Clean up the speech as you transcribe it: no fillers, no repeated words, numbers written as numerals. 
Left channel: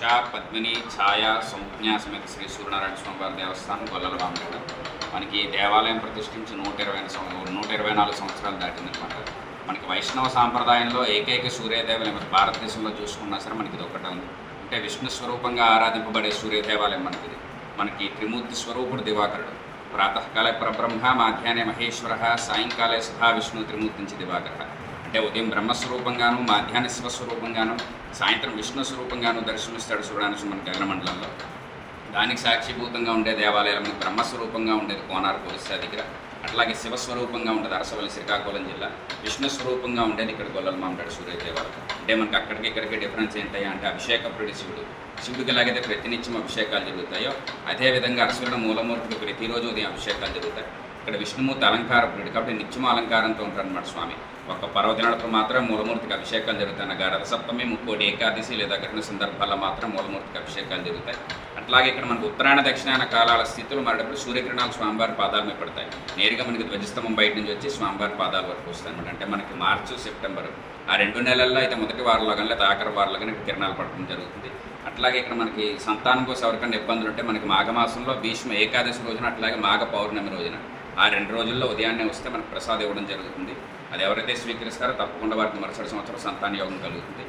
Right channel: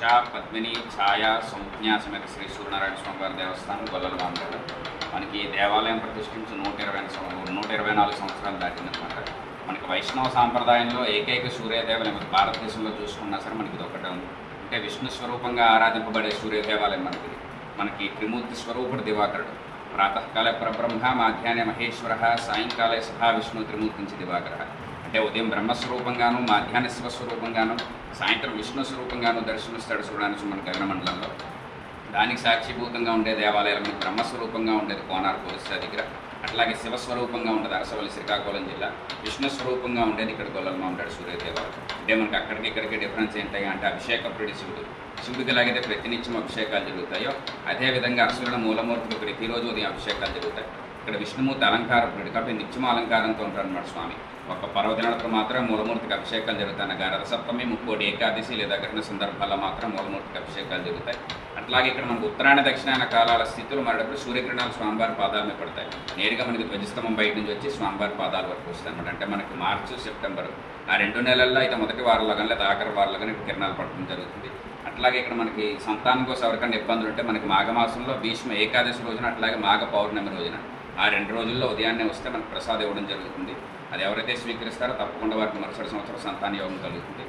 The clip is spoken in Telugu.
పద్మిని ఛాయా సంజ్ఞా సమేత శ్రీ సూర్యనారాయణ స్వామివారి దేవస్థానం గొల్లల వామరాడు మనకి దేవాలయం ప్రతిష్ఠించి 124 సంవత్సరాలు దాటిందనమాట. మనకి వైష్ణవ సాంప్రదాయంలో ఏకైక సూర్యదేవాలయం భారతదేశంలో చూసుకున్నా సరే మనకి ఇది ఒకటే ఉంది. అంటే విష్ణు స్వరూపంగా ఆరాధింపబడే సూర్యదేవాలయం మనకి త్రిమూర్తి స్వరూపుడు దివాకరుడు. ప్రాతకాలే పరబ్రహ్మ, మాధ్యాహ్నే మహేశ్వర, సాయంకాలే సహా విష్ణు త్రిమూర్తించి దివాకర. అంటే ఉదయం బ్రహ్మస్వరూపంగాను, మాధ్యాహ్న శివస్వరూపంగాను, సాయంత్రం విష్ణు స్వరూపంగాను దర్శనమిస్తాడు సూర్యనారాయణ మన గగనమండలంలో. దానికి సాక్షిభూతంగా ఉండే దేవాలయాలు మనకి బ్రహ్మస్వరూపంగా ఉండేది కోనార్ పోలీసా దగ్గర, అట్లాగే శివస్వరూపంగా ఉండేది అరసవల్లి శ్రీకాకుళం జిల్లా, విష్ణు స్వరూపంగా ఉండేది ఇక్కడ గొల్లల మామిడాడు సూర్య దేవాలయం. అంటే మనకి అక్కడికి ఇక్కడికి డిఫరెన్స్ ఏంటయ్యా అంటే అభిషేక ప్రియుడు శివుడికి ఎలాగైతే ప్రతినిత్యం అభిషేకాలు జరుగుతాయో అదేవిధంగా అరసవల్లి మూలమూర్తికి ప్రతిరోజు ఉదయం అభిషేకాలు జరుగుతాయి. ఇక్కడ విష్ణుమూర్తి అలంకార ప్రియుడు కాబట్టి నిత్యం అలంకారంతో ఉంటారు అన్నమాట స్వామి. ఒక పర్వదినాలకు మాత్రం మూలమూర్తికి అభిషేకాలు జరుగుతాయి. రథసప్తమి, ముక్కోటి ఏకాదశి లేదా గ్రహణ సందర్భాల్లో మాత్రం మూలమూర్తికి అభిషేకాలు జరుగుతాయి. అట్లాగే ఇక్కడ మనకు ఉత్తరాయణ దక్షిణాయన కాలాల స్థితులు మారేటప్పుడు సూర్యకిరణాలు స్వామివారి పాదాల మీద పడతాయి. నేరుగా మనకి ధ్వజస్తంభం బయట నుంచి వచ్చి స్వామివారి పాదాల వరకు వస్తాయి అనమాట. అంటే మనకి మార్చి, సెప్టెంబర్ ఆ 2 నెలల్లో అయితే మొదటి వారంలో కానీ లేదా ఆఖరి వారంలో కానీ కిరణాలు పడడం జరుగుతుంది. అట్లాగే ఇక్కడ మనకి సంతానం కోసం ఎవరికైనా ఇబ్బందులు ఉంటే మనకి మాఘమాసంలో భీష్మ ఏకాదశి రోజున, అట్లాగే మాఘ పౌర్ణమి రోజున ఆ 2 రోజుల్లో ఉదయాన్నే వస్తే మనకు ప్రసాదం ఇవ్వడం జరుగుతుంది. అది ఎవరైతే స్వీకరిస్తారో తప్పకుండా వారికి మరుసటి సంవత్సరం సంతాన యోగం కలుగుతుంది.